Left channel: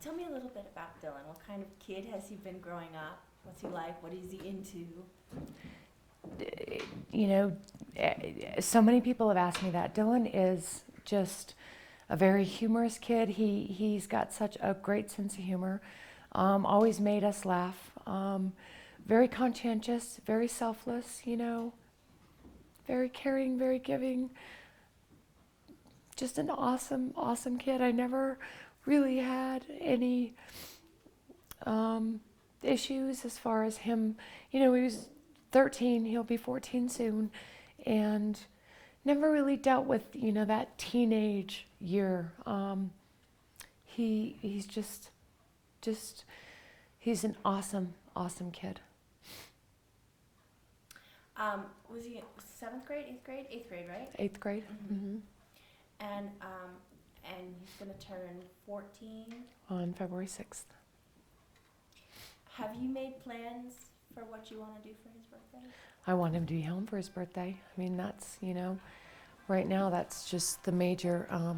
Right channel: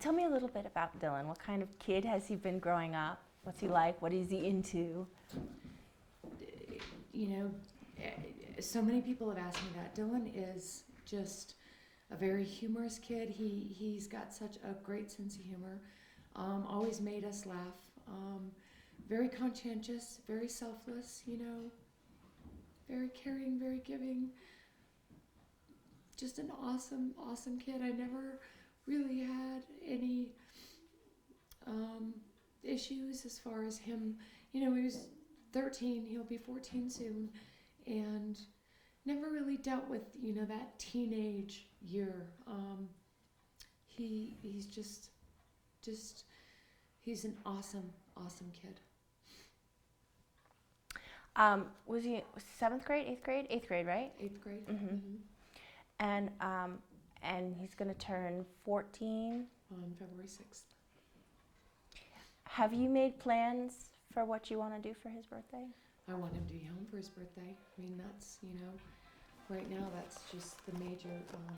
Tell me a little bit about Dylan. What kind of kid has he been growing up? What's he like? What is he into? You know, so many people have asked me that. Dylan is just a very humorous kid. He's got such a great sense of humor. Always made us laugh. Very conscientious, very selfless, very caring, very giving. Just an awesome, awesome kid. I never really had any issues as far as him. He was 13, he'll be 14 soon, and never really dealt with, that teenage year. He's just, he's an awesome, awesome kid. Was he seventh grade, eighth grade? Eighth grade, right? Eighth grade. Mm-hmm. And he's going to turn 14 on February 6th. Have you made plans for what you want to do for his birthday? I want him to be home for his birthday. I mean, that's, right now that's just the major, I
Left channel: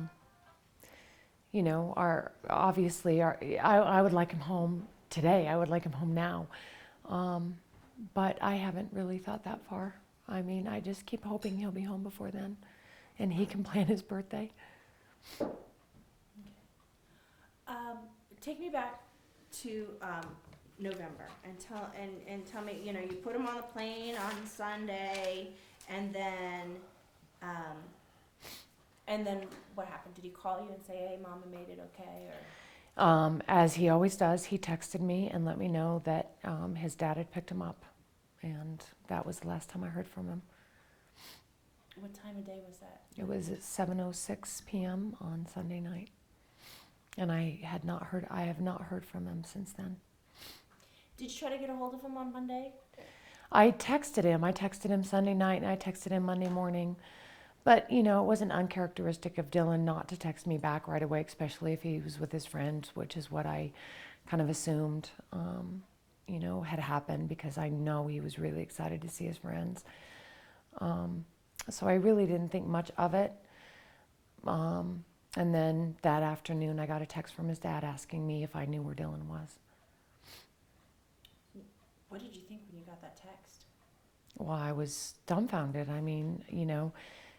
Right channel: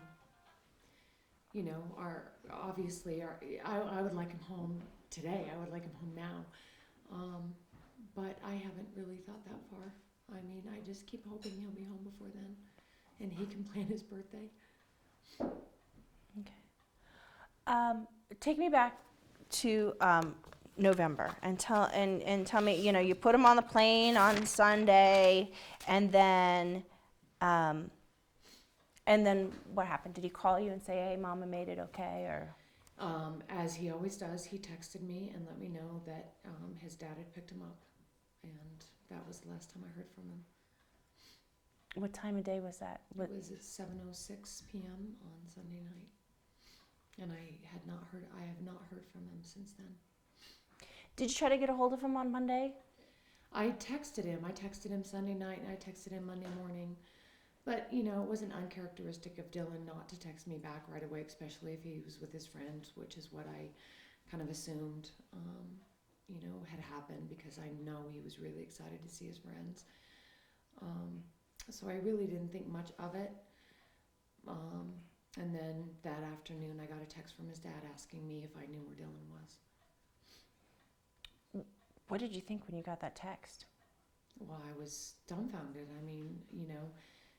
would like him home today. I would like him home now. But I haven't really thought that far. I mean, I just keep hoping he'll be home before then and he can plan his birthday. Okay. Take me back to November and tell me, you put him on the plane on Sunday, and then what happened? Did he call you and say, "Hey, Mama made it okay," or? As he always does, he texted me and let me know that his dad had picked him up, and that was the last time I heard from him. What time of day was that? It was at 7:06 p.m. on Sunday night, and I have not heard from him since then. Did you try to get a hold of him on Monday? I texted him Sunday night, and I texted him Monday morning. But, it wasn't uncharacteristic of Dylan not to text me back right away, especially if he was with his friends, which is what I kind of assumed, had happened, because I know he was really excited to see his friends. So I really didn't think much of it. And then that afternoon, I got a text from his dad asking me if I knew where Dylan was. What did you think when you got that text? Well, I was dumbfounded. I mean,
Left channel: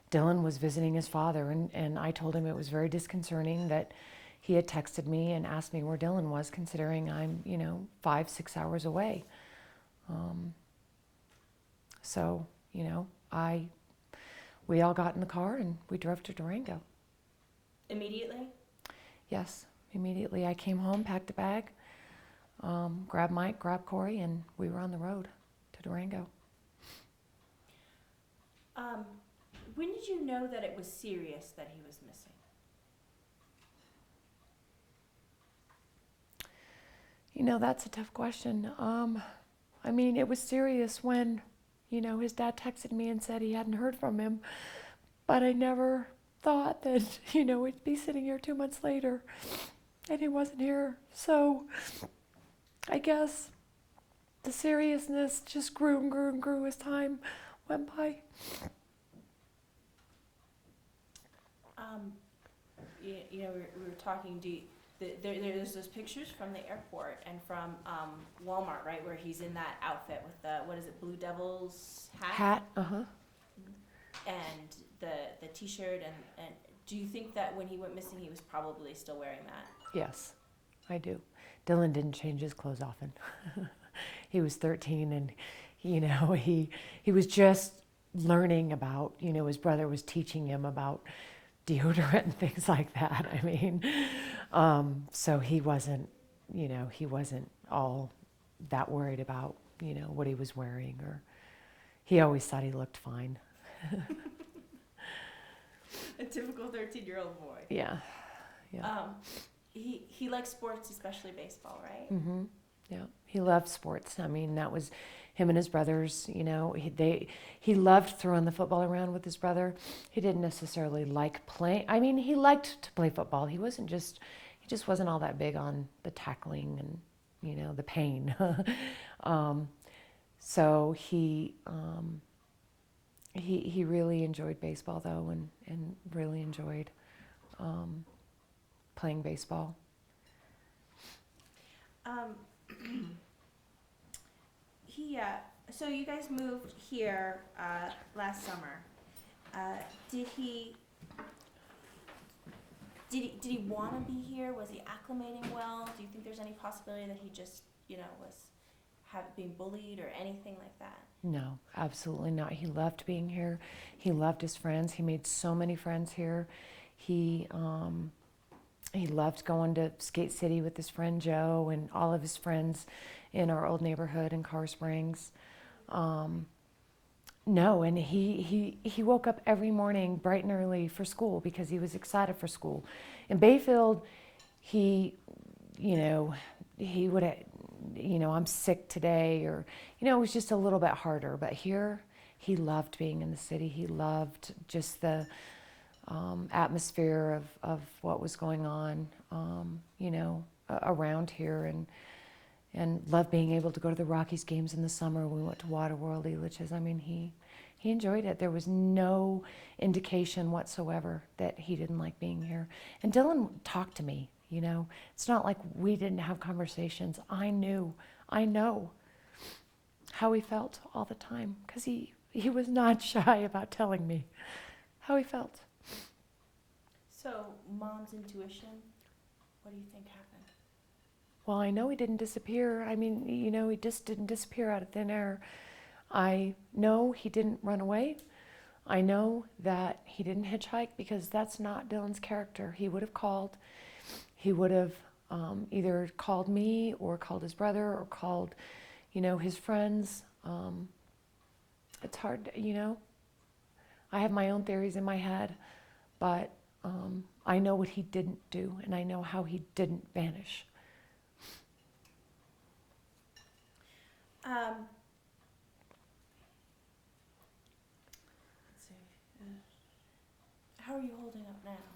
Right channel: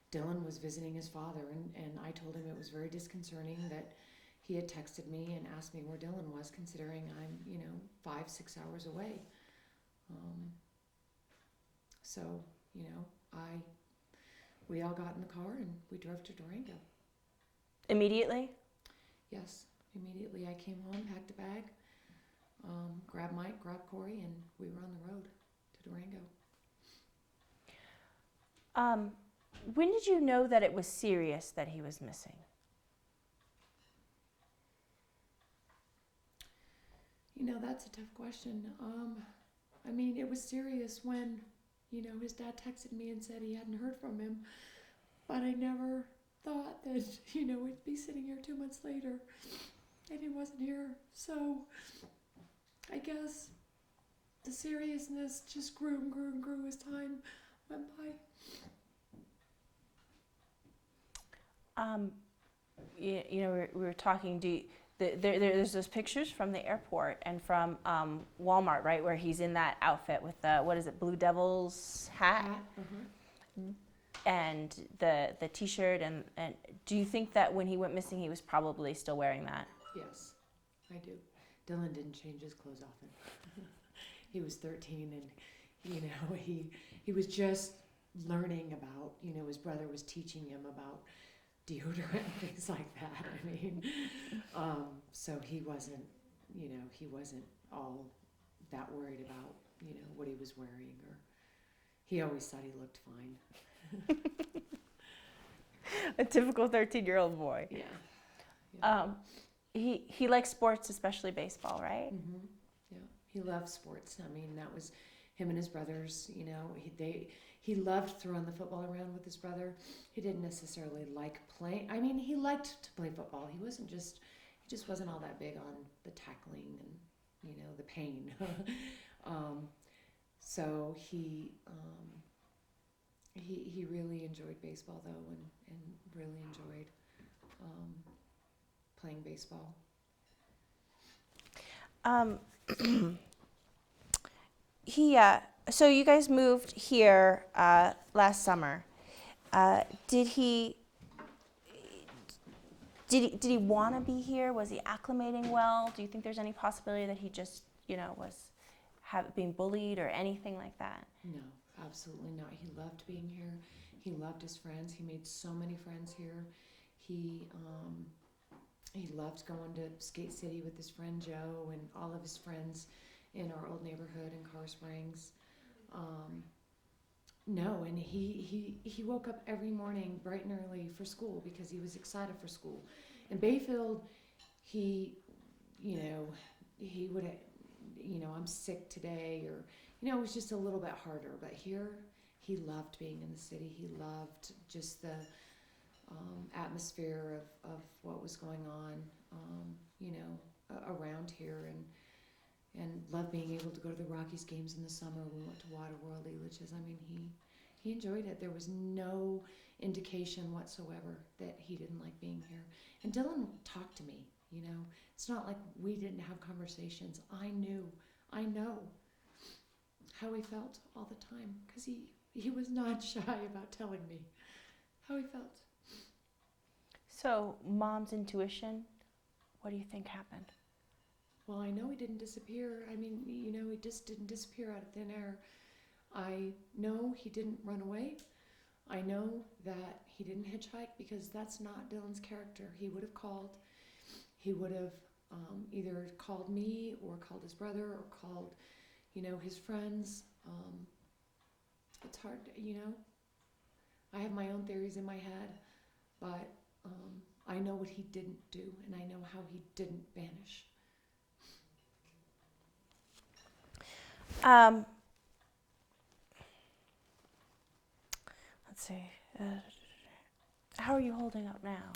Dylan was visiting his father, and I told him it was very disconcerting that he had texted me and asked me where Dylan was, considering I'm, 5-6 hours away. So, we all got in the car and we drove to Durango. Immediately? Yes, immediately. I came home, packed a bag, grabbed Mike, grabbed Corey, and we were on the road to Durango. When did you know that it was serious that he was missing? That's a tough question. I mean, it was serious when, his dad texted me and said he hadn't heard from him. But I never thought that, we'd be sitting here 2 months later and he wasn't here. So I guess the seriousness just grew and grew and grew as time went by. We were talking. There's those pictures from the airport and from Walmart, right, where he's in that outfit with the Blue Devils hat? And the T-shirt, and do you think that when he went missing, he was probably still wearing that? Yes, I do. Dylan didn't change his clothes often. He was 13, and he was just learning about. His brother was teaching him about deodorant and things like that. I mean, so he wasn't all that worried about, what he was wearing, or he always thought he looked fine. A typical 13-year-old boy. Yeah. He likes sports, especially baseball, right? Mm-hmm. Yeah. He loved sports. I mean, that was him and his brothers. He loved throwing the football around with his brother. He didn't necessarily like playing. I mean, he liked to play football. He just wasn't all that big on the tackling and, the pain. So he really enjoyed baseball, though, and really enjoyed playing baseball. Um, so you guys moved here last summer. Did he? Did he want to be here? Was he acclimating well? Do you think there's any possibility that he just, was being bullied or anything like that? No, absolutely not. He loved being here. He loved his friends. He made so many friends here. He loved going to Skate City with his friend Joe and all of his friends in our old neighborhood in Car Springs. No, and he woke up every morning bright and early for school because he was excited for school. In Bayfield, he would, I'm sick today, or, it was just a little bit harder. But here, he loved being in the city. He loved just the atmosphere of what was going on, around here, and loved being able to go to the Rockies games in the summer. We went to Waterworld, Elitch's. I mean, he enjoyed it. There was no indication whatsoever that he didn't like being here. And Dylan talked to me, It's not like we didn't have conversations. I know how he felt all the time, because he was not shy about telling me how he felt. So, Mom's intuition, what do you think happened? Well, I know he didn't disappear. I mean, he just didn't disappear out of thin air. I know he didn't run away. I know that he didn't hitchhike, because that's not Dylan's character. He would have called. He would have either called me or called his brother or called, his friends. It's hard, I have my own theories in my head, but I know what he didn't do, and I know how he didn't vanish. Let's see. How are you holding up now?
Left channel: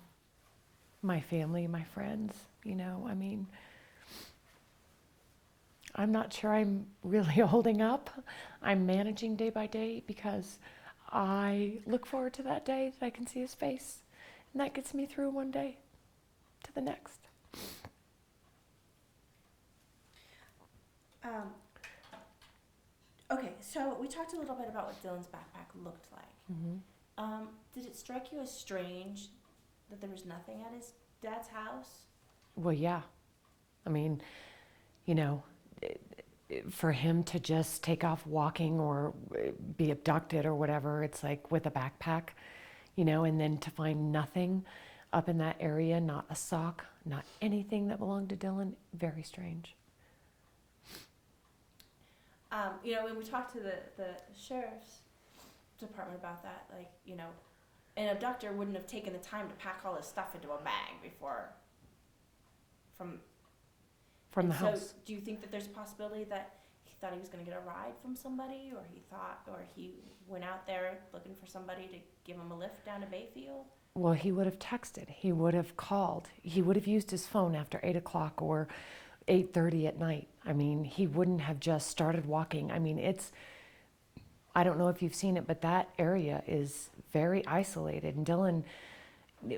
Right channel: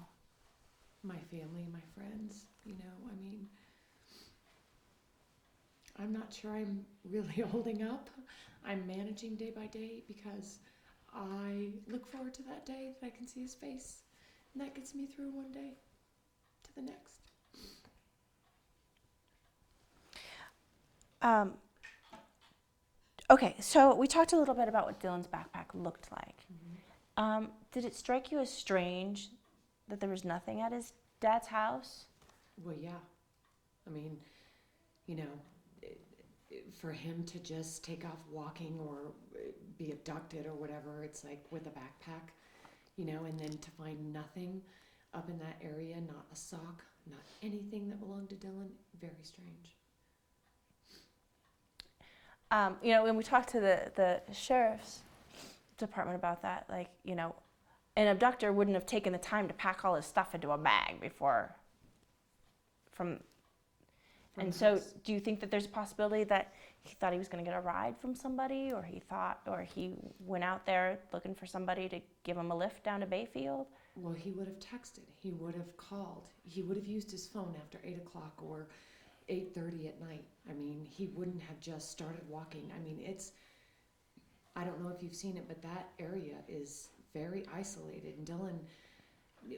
My family, my friends, I mean, I'm not sure I'm really holding up. I'm managing day by day, because I look forward to that day that I can see his face, and that gets me through one day to the next. Okay, so we talked a little bit about what Dylan's backpack looked like. Mm-hmm. Did it strike you as strange that there was nothing at his dad's house? Well, yeah. I mean, for him to just take off walking or be abducted or whatever, it's like with a backpack, and then to find nothing up in that area, not a sock, not anything that belonged to Dylan, very strange. When we talked to the sheriff's department about that, an abductor wouldn't have taken the time to pack all his stuff into a bag before from the so house. Do you think that there's a possibility that he thought he was going to get a ride from somebody, or he went out there looking for somebody to give him a lift down to Bayfield? Well, he would have texted. He would have called. He would have used his phone after 8 o'clock or 8:30 at night. I mean, he wouldn't have just started walking. I mean, I don't know if you've seen it, but that area is very isolated. And Dylan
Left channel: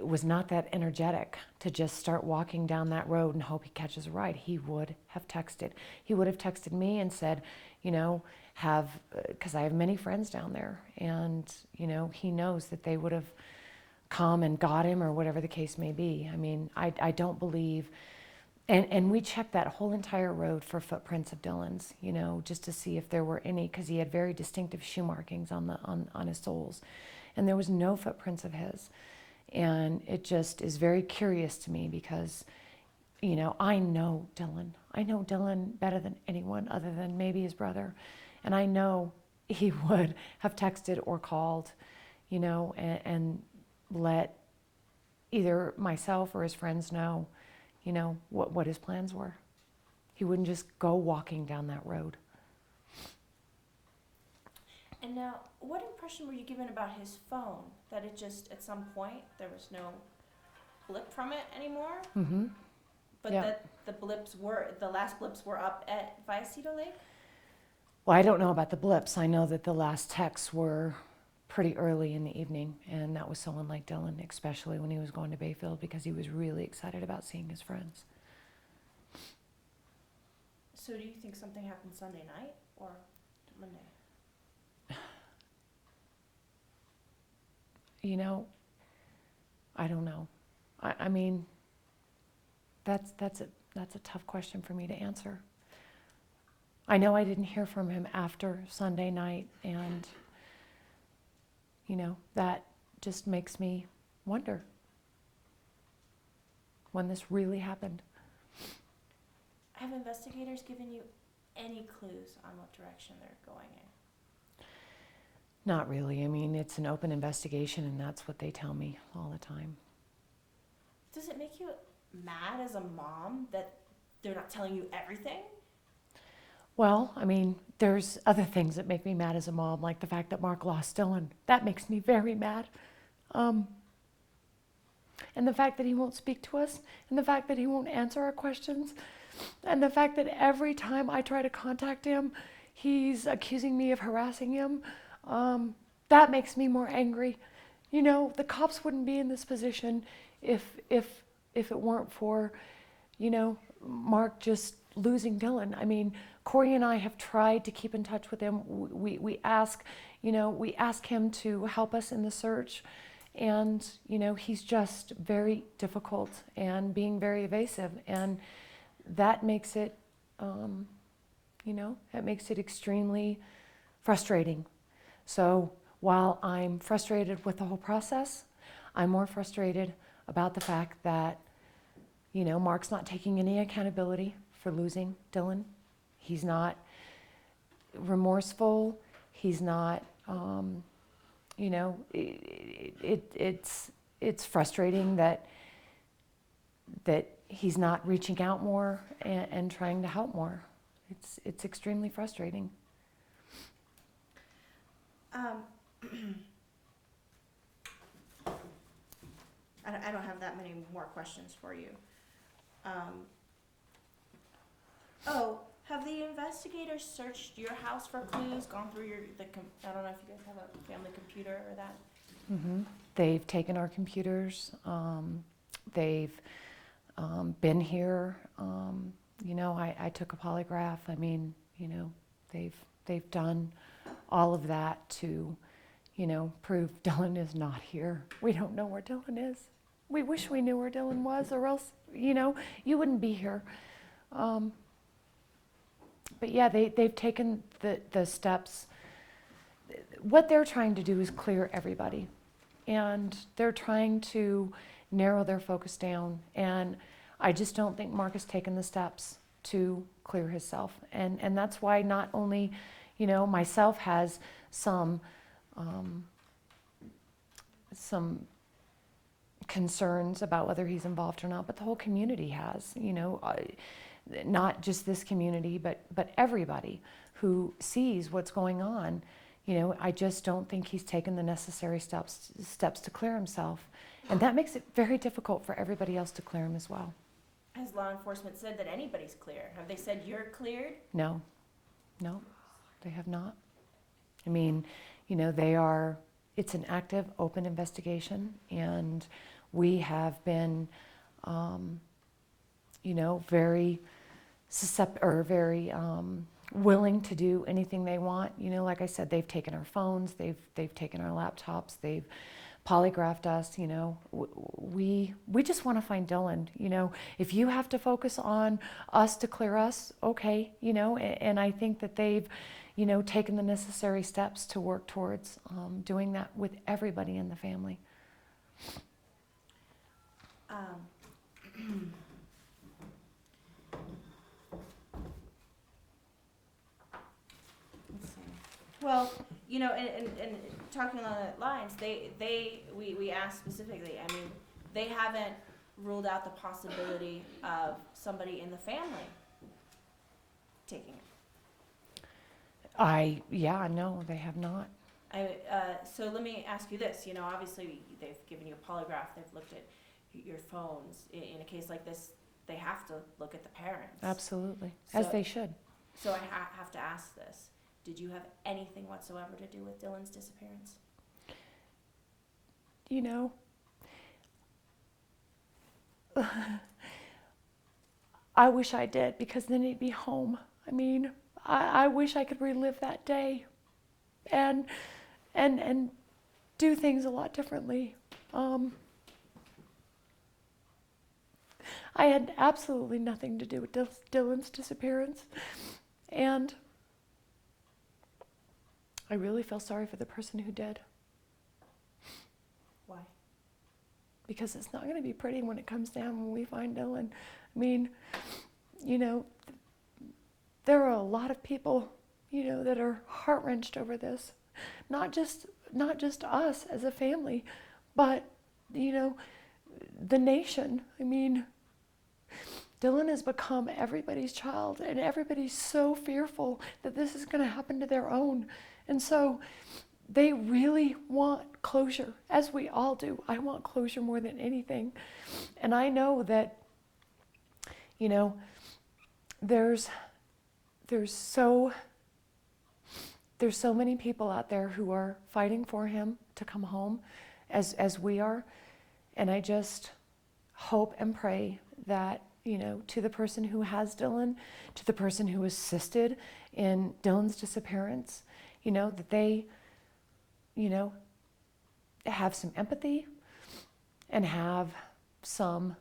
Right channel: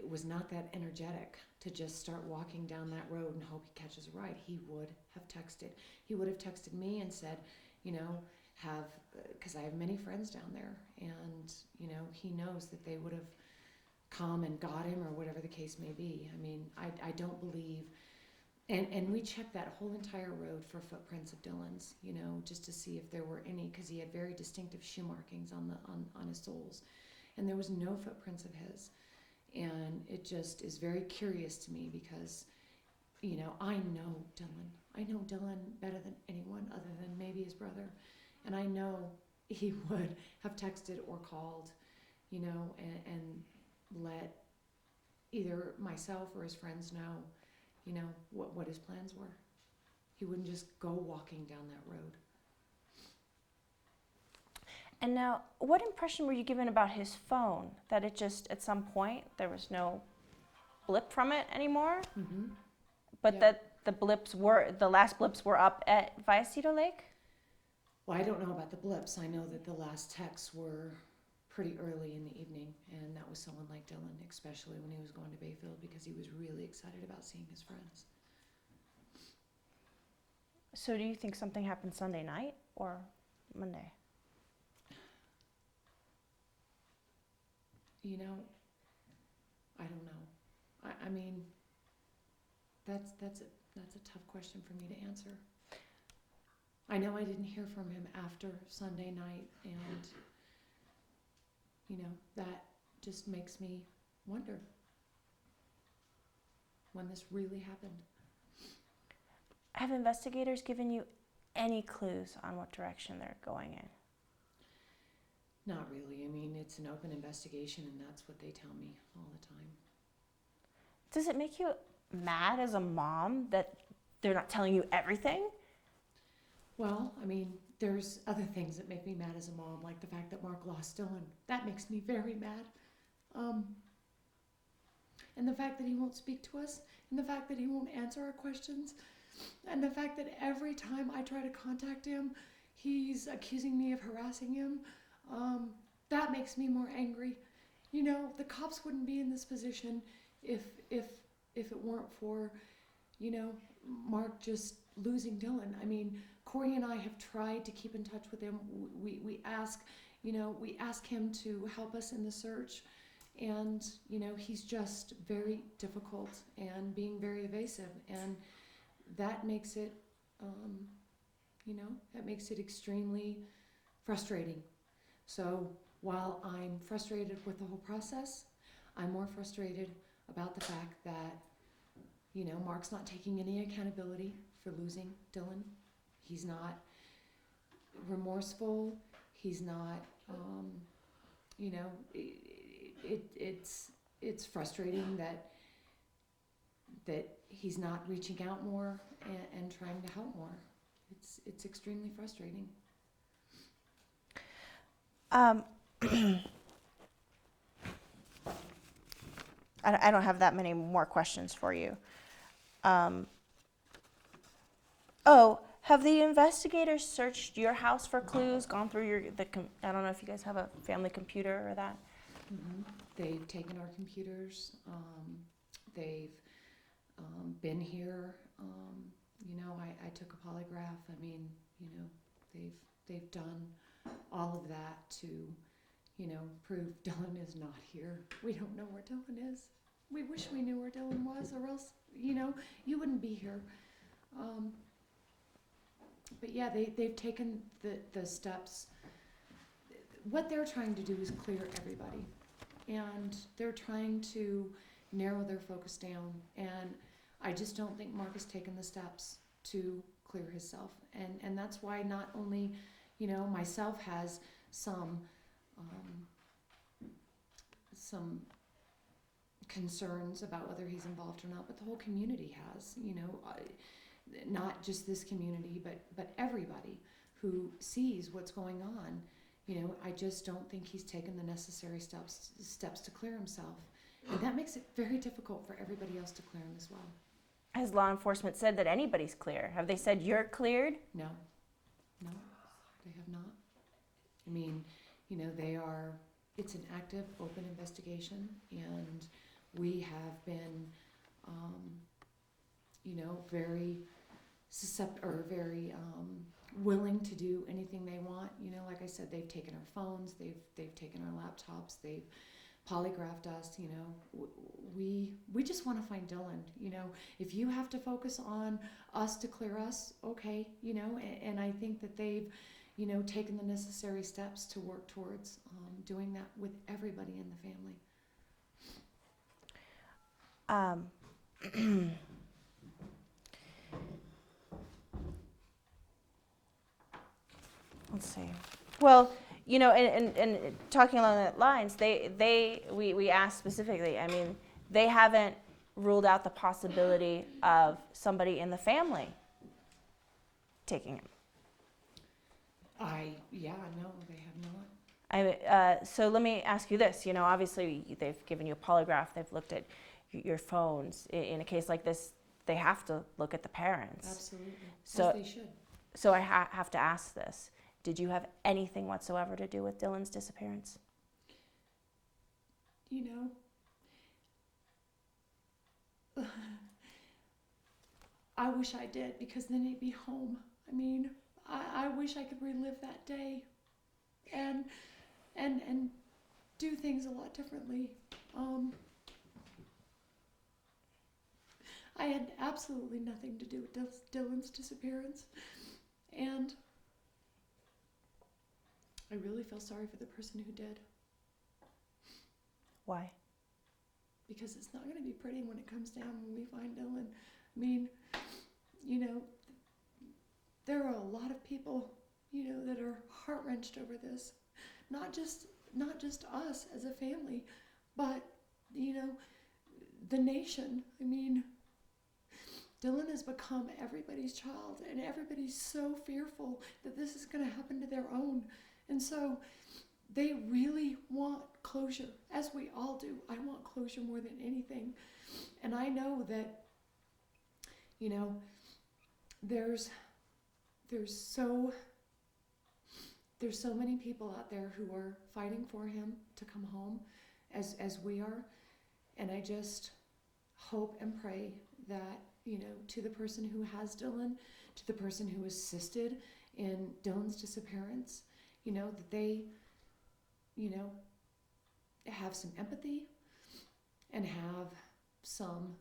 was not that energetic to just start walking down that road and hope he catches a ride. He would have texted. He would have texted me and said, because I have many friends down there, and, he knows that they would have come and got him, or whatever the case may be. I mean, I don't believe. And we checked that whole entire road for footprints of Dylan's, just to see if there were any, because he had very distinctive shoe markings on his soles, and there was no footprints of his. And it just is very curious to me, because, I know Dylan. I know Dylan better than anyone other than maybe his brother, and I know he would have texted or called, and let either myself or his friends know, what his plans were. He wouldn't just go walking down that road. And now, what impression were you given about his phone? That it just, at some point, there was no blip from it anymore? Mm-hmm. But Yeah. that the last blips were up at Vallecito Lake? Well, I don't know about the blips. I know that the last texts were pretty early in the evening, and that was so unlike Dylan, especially when he was going to Bayfield, because he was really excited about seeing his friends. So do you think something happened Sunday night or Monday? You know, I don't know. I mean, that's a tough question for me to answer. I know I didn't hear from him after Sunday night, and that just makes me wonder when this really happened. Have investigators given you any clues on what direction they're going in? Not really. I mean, it's an open investigation, and that's what they tell me all the time. Does it make you mad as a mom that they're not telling you everything? Well, I mean, there's other things that make me mad as a mom, like the fact that Mark lost Dylan. That makes me very mad. And the fact that he won't speak to us, and the fact that he won't answer our questions, and the fact that every time I try to contact him, he's accusing me of harassing him. That makes me more angry. The cops wouldn't be in this position if it weren't for, Mark just losing Dylan. I mean, Corey and I have tried to keep in touch with him. We ask him to help us in the search, and he's just very difficult and being very evasive, and that makes it extremely frustrating. So while I'm frustrated with the whole process, I'm more frustrated about the fact that Mark's not taking any accountability for losing Dylan. He's not remorseful. He's not, it's frustrating that he's not reaching out more and trying to help more. It's extremely frustrating. I don't have that many more questions for you. Have the investigators searched your house for clues, gone through I don't know if you guys have a family computer or that? Mm-hmm. They've taken our computers. They've been here. I took a polygraph. I mean, they've done all of that to, prove Dylan is not here. We don't know where Dylan is. We wish we knew where Dylan was, or else, you wouldn't be here. But yeah, they've taken the steps. What they're trying to do is clear everybody. And they're trying to narrow their focus down. And I just don't think Mark has taken the steps to clear himself. And that's why not only, myself has some concerns about whether he's involved or not, but the whole community has, not just this community, but everybody who sees what's going on. I just don't think he's taken the necessary steps to clear himself. And that makes it very difficult for everybody else to clear him as well. Has law enforcement said that anybody's clear? Have they said you're cleared? No, they have not. I mean, it's an active, open investigation, and we have been, very willing to do anything they want. Like I said, they've taken our phones, they've taken our laptops, they've polygraphed us. We just want to find Dylan. If you have to focus on us to clear us, okay. And I think that they've taken the necessary steps to work towards doing that with everybody in the family. Let's see. Well, and talking along that lines, we asked specifically. I mean, they haven't ruled out the possibility of somebody in the family taking him. No, they have not. So let me ask you this. Obviously they've given you a polygraph. They've looked at your phones. In a case like this, they have to look at the parents. Absolutely, So, as they should. So I have to ask this. Did you have anything whatsoever to do with Dylan's disappearance? I wish I did, because then he'd be home. I mean, I wish I could relive that day and do things a lot differently. I had absolutely nothing to do with Dylan's disappearance, and I really feel sorry for the person who did. Why? Because it's not going to be pretty when it comes down when we find Dylan. I mean, you know, there are a lot of people, you know, that are heart-wrenched over this. Not just us as a family, but, you know, the nation. I mean, Dylan has become everybody's child, and everybody's so fearful that this is going to happen to their own. And so they really want closure, as we all do. I want closure more than anything. And I know that, you know, there's so many people out there who are fighting for him to come home as we are. And I just hope and pray that, you know, to the person who has Dylan, to the person who assisted in Dylan's disappearance, you know, that they, you know, have some empathy and have some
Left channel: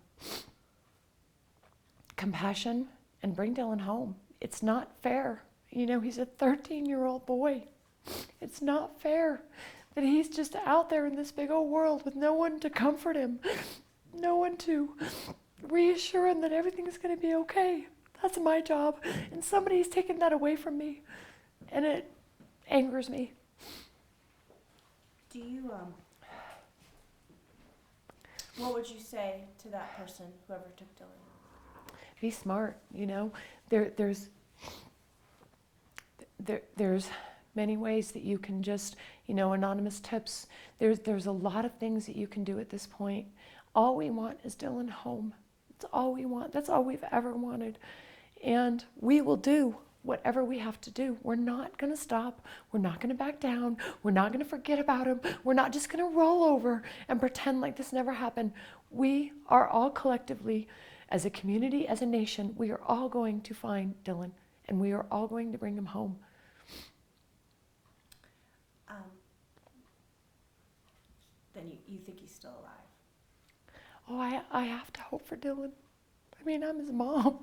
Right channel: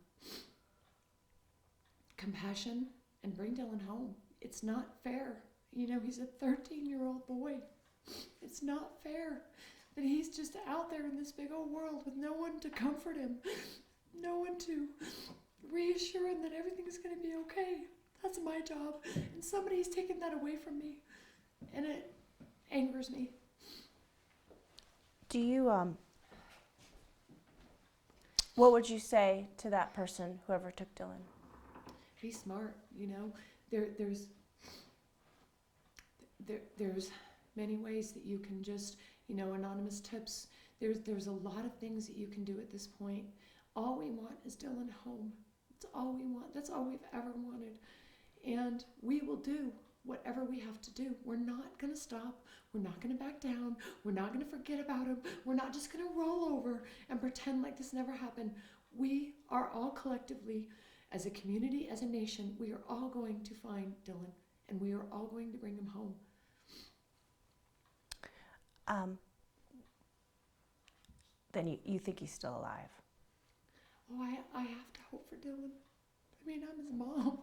compassion and bring Dylan home. It's not fair. You know, he's a 13-year-old boy. It's not fair that he's just out there in this big old world with no one to comfort him, no one to reassure him that everything's going to be okay. That's my job. And somebody's taken that away from me. And it angers me. Do you, what would you say to that person, whoever took Dylan? Be smart, you know. There's many ways that you can just, you know, anonymous tips. There's a lot of things that you can do at this point. All we want is Dylan home. That's all we want. That's all we've ever wanted. And we will do whatever we have to do. We're not going to stop. We're not going to back down. We're not going to forget about him. We're not just going to roll over and pretend like this never happened. We are all collectively, as a community, as a nation, we are all going to find Dylan, and we are all going to bring him home. Then you think he's still alive? Oh, I have to hope for Dylan. I mean, I'm his mom.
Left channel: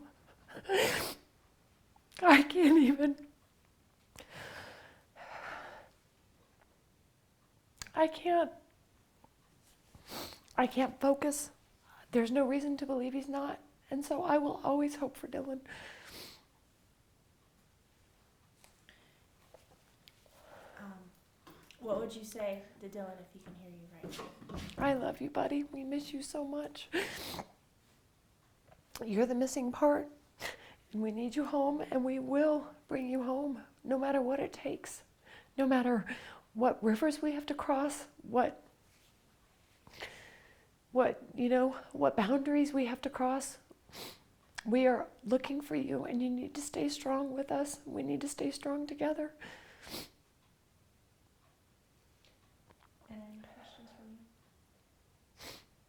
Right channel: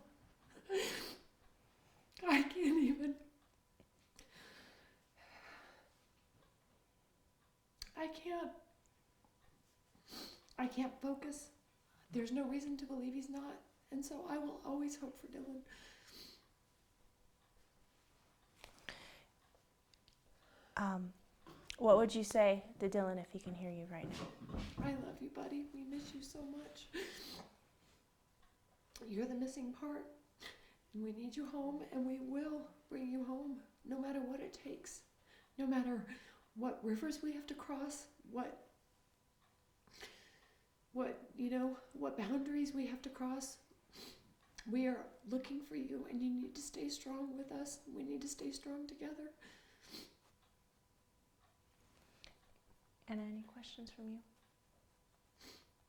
I can't even. I can't focus. There's no reason to believe he's not. And so I will always hope for Dylan. What would you say to Dylan if he can hear you right now? I love you, buddy. We miss you so much. You're the missing part. And we need you home, and we will bring you home, no matter what it takes. No matter what rivers we have to cross, what you know, what boundaries we have to cross. We are looking for you, and you need to stay strong with us. We need to stay strong together. And any questions from you?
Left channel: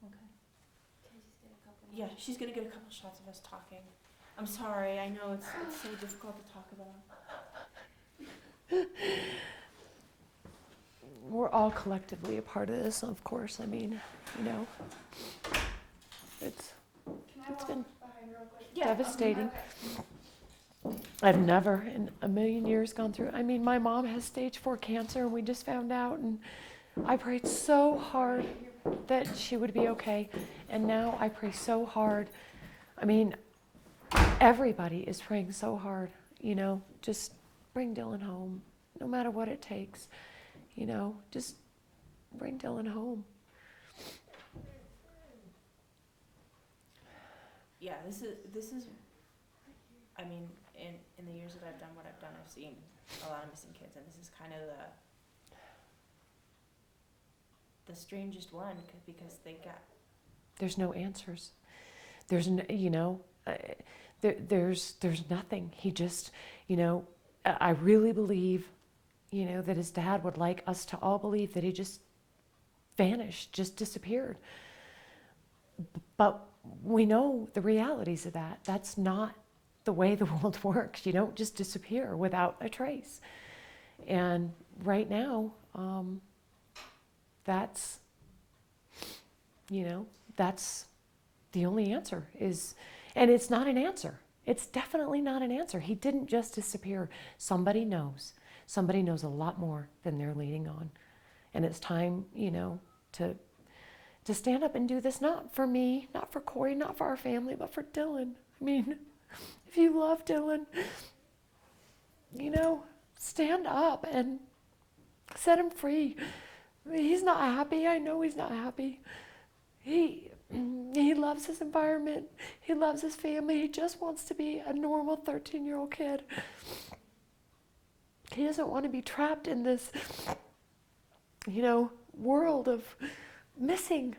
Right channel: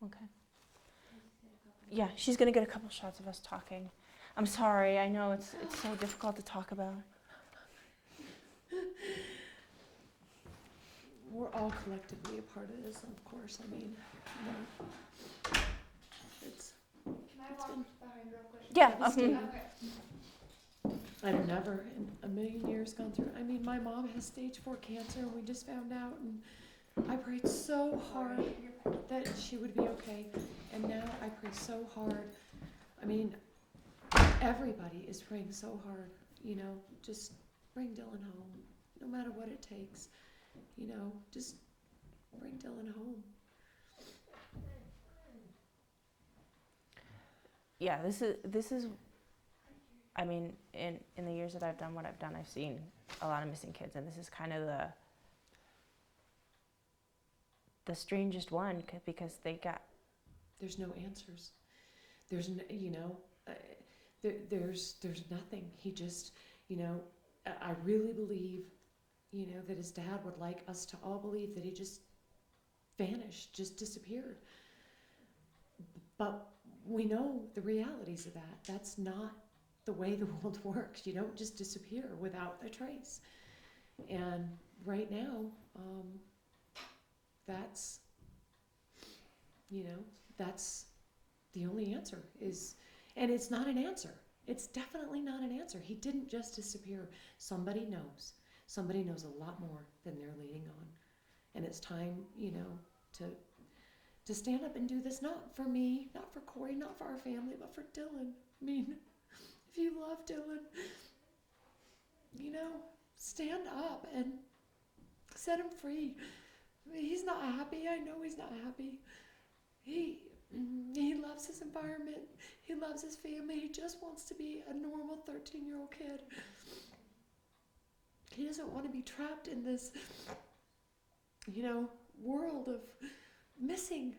Okay. Yeah, she's going to get a couple shots of us talking. I'm sorry, I know it's so difficult to talk about. We're all collectively a part of this, of course. I mean, you know, it's been devastating. Okay. I've never in a million years gone through. I mean, my mom has stage 4 cancer, and we just found out, and I prayed so hard that she would be okay, and now I pray so hard. I mean, everybody is praying so hard, you know, just bring Dylan home, no matter what it takes, you know, just bring Dylan home. Yeah, this is, I mean, in the years that I've done what I've done, I've seen a lot of missing kids, and this is kind of the strangest one because There's no answers. There's no, you know, there's nothing. He just, you know, I really believe, you know, that his dad would like us to all believe that he just vanished, just disappeared. But we know the realities of that. That's not the way the world works. You don't just disappear without a trace. And right now, that's, that's the only answer is, and it's not an answer. It's definitely not an answer. He didn't just disappear. Somebody knows. Somebody knows a lot more than they're leaning on. And it's time, to stand up and do this, not for me, not for Corey, not for our family, but for Dylan. I mean, if you love Dylan, stand up and set him free. I mean, he's not happy. I know he's not happy. He loves his environment. He loves his family. He just wants to be a normal 13-year-old kid. He doesn't want to be trapped in this, world of missing.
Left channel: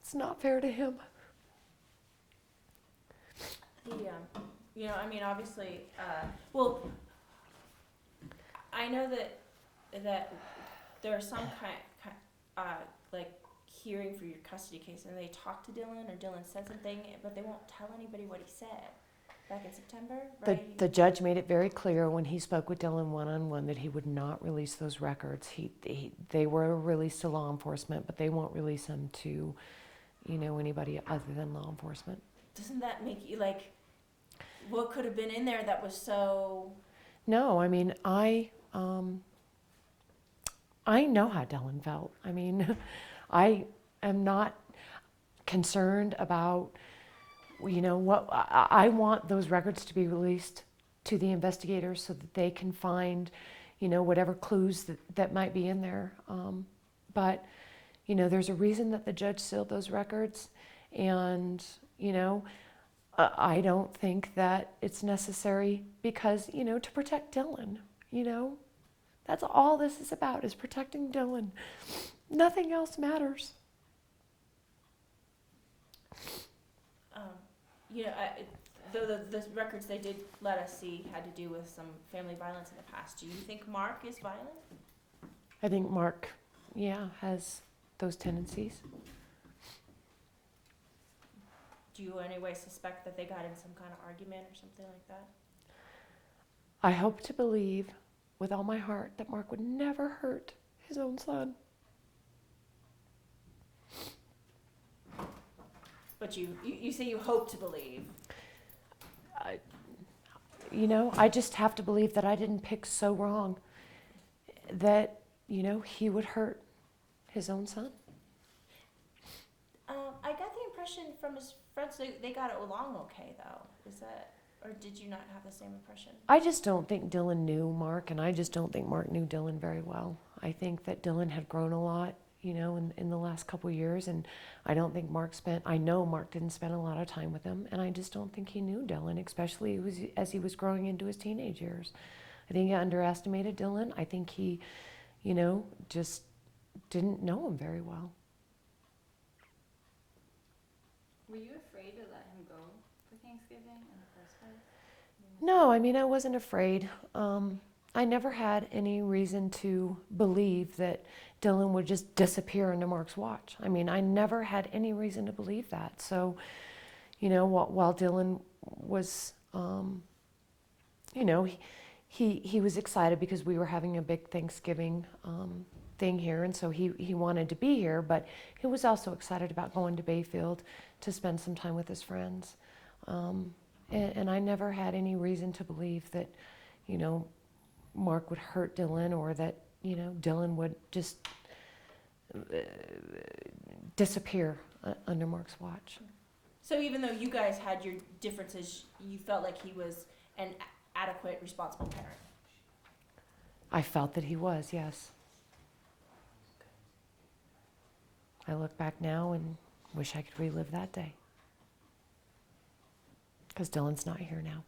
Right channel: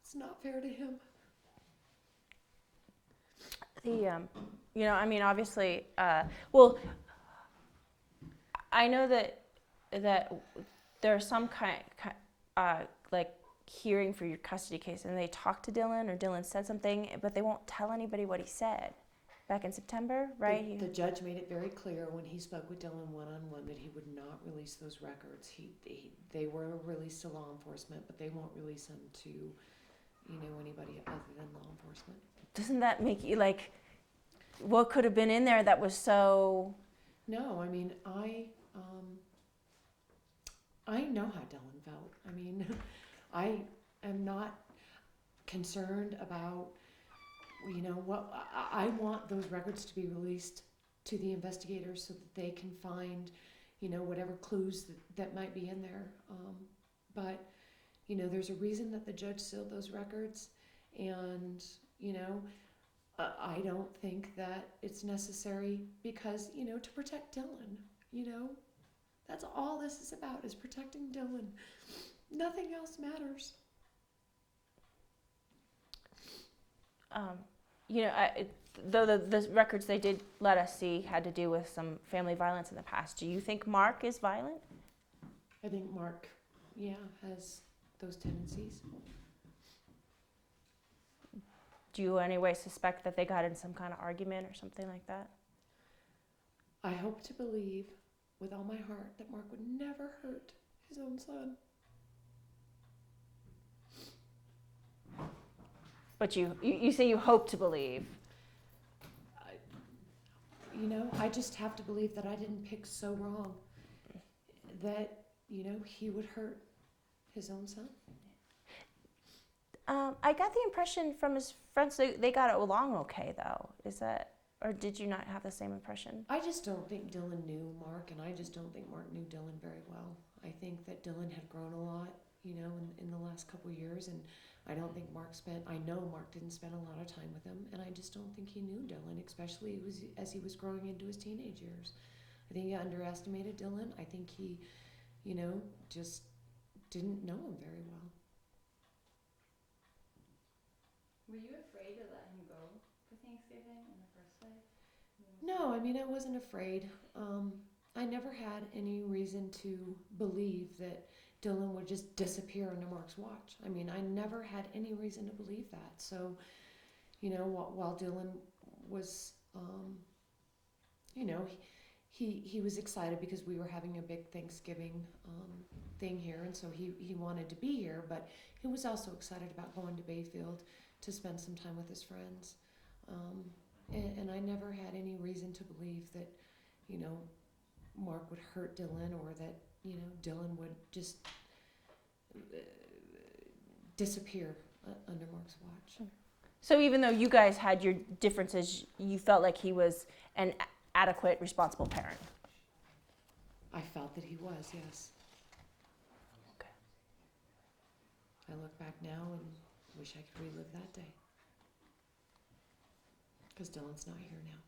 It's not fair to him. Obviously, I know that there are some like hearing for your custody case, and they talked to Dylan, or Dylan said something, but they won't tell anybody what he said back in September, right? The judge made it very clear when he spoke with Dylan one-on-one that he would not release those records. They were released to law enforcement, but they won't release them to, anybody other than law enforcement. Doesn't that make you like, what could have been in there that was so? No, I mean, I know how Dylan felt. I mean, I am not concerned about, what I want those records to be released to the investigators so that they can find, whatever clues that might be in there. But, there's a reason that the judge sealed those records, and, I don't think that it's necessary because, to protect Dylan, that's all this is about, is protecting Dylan. Nothing else matters. Though the records they did let us see had to do with some family violence in the past, do you think Mark is violent? I think Mark, has those tendencies. Do you in any way suspect that they got in some kind of argument or something like that? I hope to believe with all my heart that Mark would never hurt his own son. But you say you hope to believe. I just have to believe that I didn't pick so wrong that, he would hurt his own son. I got the impression from his friends they got along okay, though. Is that, or did you not have the same impression? I just don't think Dylan knew Mark, and I just don't think Mark knew Dylan very well. I think that Dylan had grown a lot, in the last couple of years, and I don't think I know Mark didn't spend a lot of time with him, and I just don't think he knew Dylan, especially as he was growing into his teenage years. I think he underestimated Dylan. I think he, just didn't know him very well. Were you afraid to let him go for Thanksgiving in the first place? No, I wasn't afraid. I never had any reason to believe that Dylan would just disappear into Mark's watch. I never had any reason to believe that. So, while Dylan was, he was excited because we were having a big Thanksgiving thing here, and so he wanted to be here, but he was also excited about going to Bayfield to spend some time with his friends. And I never had any reason to believe that, Mark would hurt Dylan, or that, Dylan would just disappear under Mark's watch. So even though you guys had your differences, you felt like he was an adequate, responsible parent? I felt that he was, yes. Okay. I look back now and wish I could relive that day. Because Dylan's not here now.